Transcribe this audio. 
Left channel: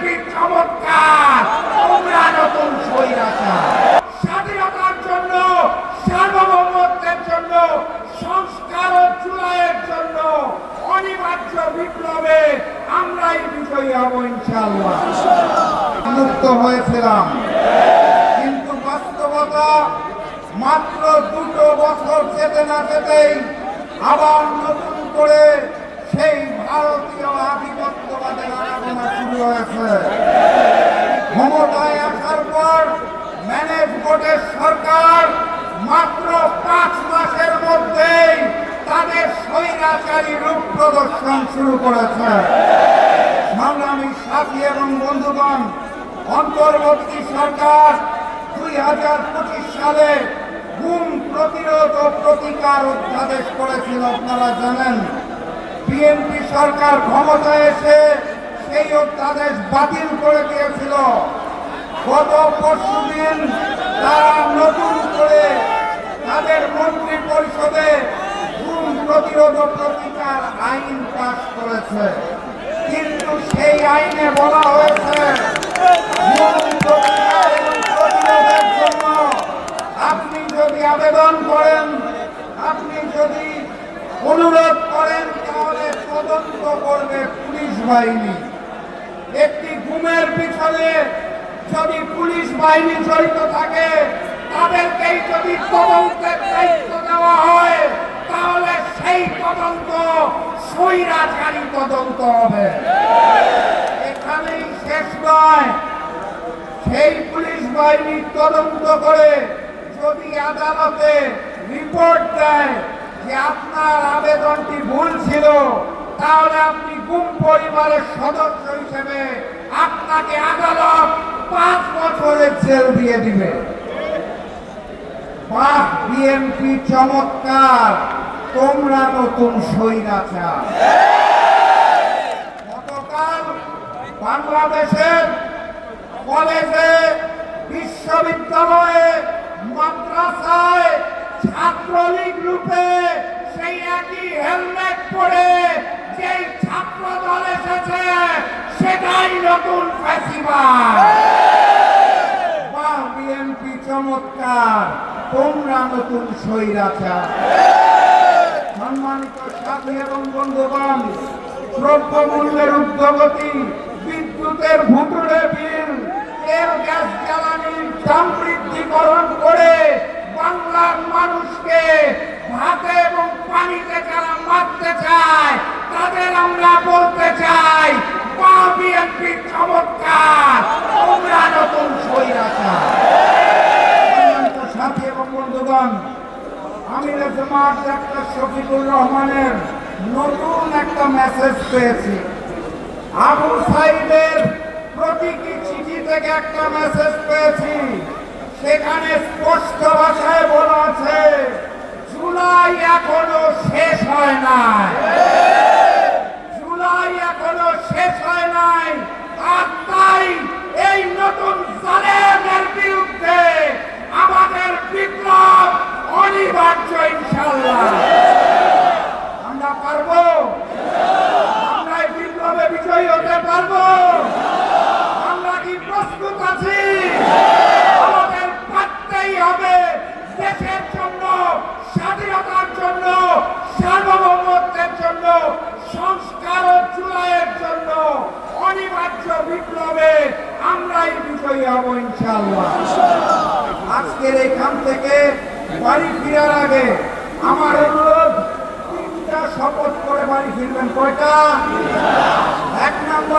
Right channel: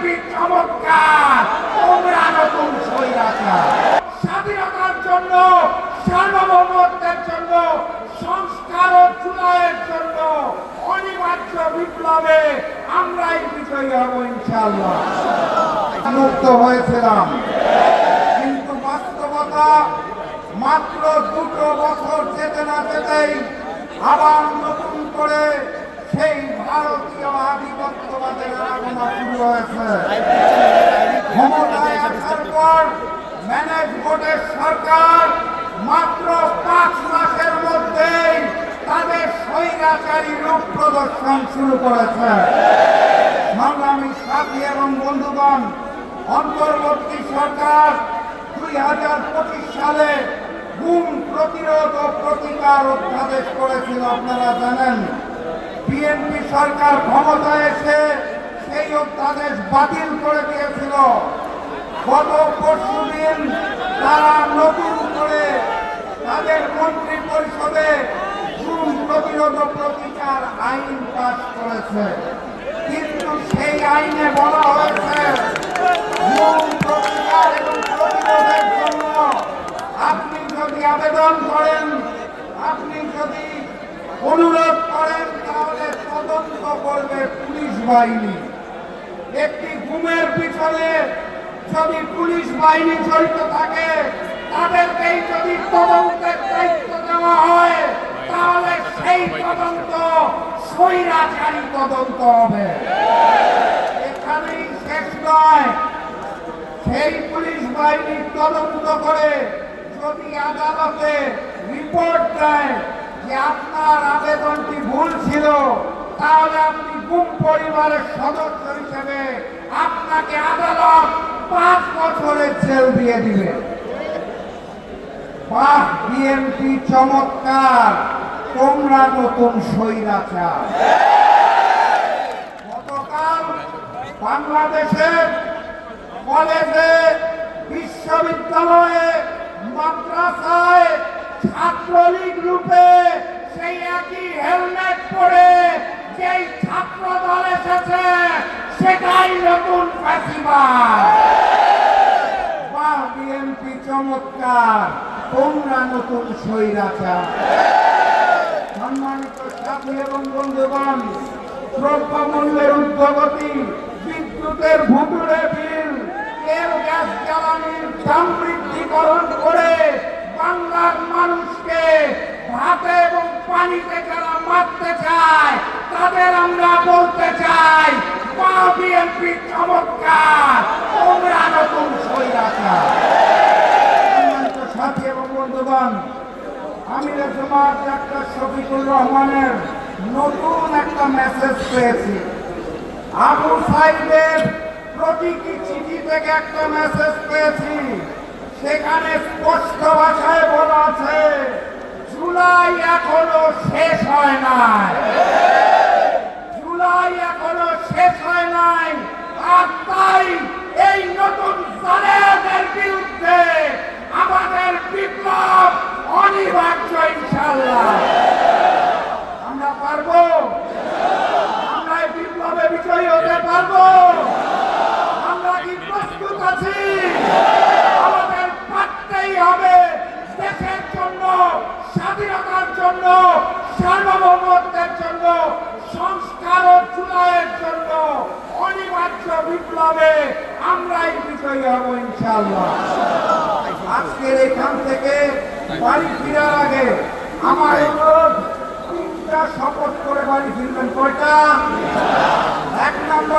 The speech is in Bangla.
বিএনপি চমৎকার, তোমরা নতুন স্বৈরাচার। স্বাধীনতার জন্য, সার্বভৌমত্বের জন্য, সংস্কার ও চুনায়ের জন্য অনিবার্য বিপ্লবে আমরাই বিজয়ী হব ইনশাআল্লাহ। মুক্ত হয়েছিলাম, কিন্তু বাস্তবতা মাত্র 2 বছর যেতে না যেতেই আবার নতুন করে সেই ভারতীয় আধিপত্যবাদের আরাধনা শুরু হয়েছে। ক্ষমতায় আসার পর ম্যানেজ ভোটের সরকার মাত্র 5 মাসের মধ্যেই তাদের স্বৈরাচারী রূপ প্রদর্শন শুরু করেছে। সংগ্রামী সাথী এবং বন্ধুগণ, অন্তর্বর্তী সরকার 2025 সালে গুম প্রতিরোধ ও প্রতিকার অধ্যাদেশ করেছিল, আপনারা জানেন। বিএনপি সরকার ক্ষমতায় এসে সেই অধ্যাদেশ বাতিল করে দিয়েছিল। গত পরশুদিন তারা নতুন করে তাদের মন্ত্রী পরিষদে গুম প্রতিরোধ ও প্রতিকার আইন পাস করেছে, কিন্তু সেই আইনে বলা হয়েছে গুম প্রতিকার এবং প্রতিরোধের জন্য আপনি যদি আবেদন করেন, আপনি যদি অনুরোধ করেন, তাহলে তদন্ত করবে পুলিশ বাহিনী। একটি গুমের পিছনে যদি পুলিশ বাহিনী জড়িত থাকে, তাদেরকেই যদি তদন্তের দায়িত্ব দেওয়া হয়, তাহলে সেই তদন্ত স্বৈরাচারী তদন্ত হবে। এখানেই শেষ নয়, সেই পুলিশ বাহিনী তদন্ত করে যদি আদালতে রিপোর্ট দেয় যে আপনার আবেদনটি ভুল ছিল, তাহলে আপনি গুম পরিবারের সদস্য হিসেবে আপনাকে আদালত 5 বছরের জেল দিয়ে দিবে। বাহ, বিএনপি চমৎকার, তোমরা নতুন স্বৈরাচার। গতকাল বাংলাদেশের কলেজে, বিশ্ববিদ্যালয়ে, মাদ্রাসায় ছাত্রলীগ রূপে সেই একই হেলমেট পরে যেই ছাত্র দল এসেছে, সেটাই নতুন ফ্যাসিবাদ। বাহ, বিএনপি চমৎকার, তোমরা নতুন স্বৈরাচার। সম্মানিত সাথী এবং বন্ধুগণ, দ্রব্যমূল্যের ঊর্ধ্বগতি, বিদ্যুতের ভুতুড়ে বিল, তেল গ্যাস জ্বালানির দাম বৃদ্ধিকরণ করে বাংলার মানুষকে ভাতে এবং পানিতে যারা মারতে চায়, তাদের আমরা বলতে চাই, বাহ, বিএনপি চমৎকার, তোমরা নতুন স্বৈরাচার। সাথী এবং বন্ধুগণ, আমিরের জামাত ডাক্তার শফিকুর রহমানের নতুন একটা মেসেজ পেয়েছি। আবু সাইদের প্রতীকী চিঠি থেকে একটা মেসেজ পেয়েছি। সেখানে স্পষ্ট ভাষায় বলা আছে, জুলাই এখনো শেষ হয় নাই, জুলাই এখনো শেষ হয় নাই। আর তাই এই নতুন জালেমের বিরুদ্ধে আমাদের বিপ্লব অনিবার্য ইনশাআল্লাহ। আমরা পারবো, আমরা এই বিপ্লবে বিজয়ী হতে পারবো। আমরা কি প্রস্তুত আছি? আমাদের পারতেই হবে। দেশের জন্য, স্বাধীনতার জন্য, সার্বভৌমত্বের জন্য, সংস্কার ও চুনায়ের জন্য অনিবার্য বিপ্লবে আমরাই বিজয়ী হব ইনশাআল্লাহ। আজকের এখান থেকে বাড়ি ফিরার আগে আমার অনুরোধ, 3টা শপথ করে বাড়ি ফিরবেন। কয়টা? 1 নম্বর